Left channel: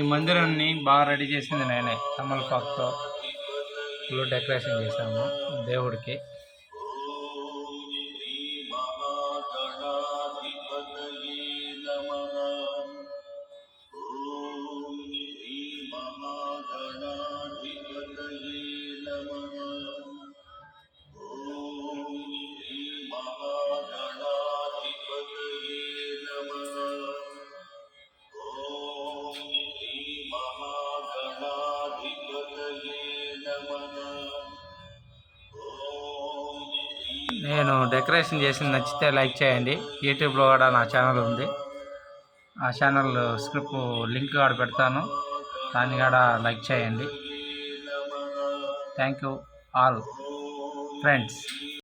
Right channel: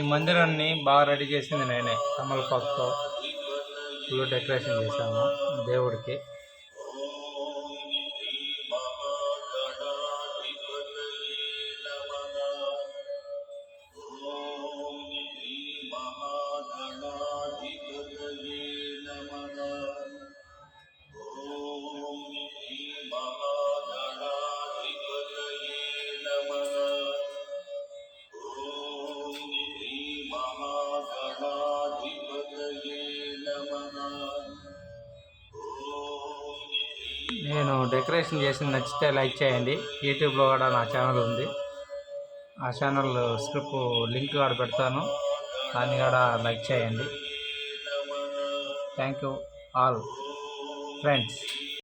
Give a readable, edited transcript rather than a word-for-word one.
ఈ మందిరాన్ని బాగా రెడీ చేసింది నేనే. తమలపాకుతో ఫుల్ డెకరేషన్ చేశాము దేవుడికి. నేను డెకరేషన్ చేసింది నచ్చితే లైక్ చేయండి. యూట్యూబ్లో కూడా నా ఛానల్ ఉంది. ఆ ఛానల్ స్క్రిప్ట్ లింక్ కూడా పెడతాను, దాన్ని కూడా లైక్ చేయండి. Thank you all friends.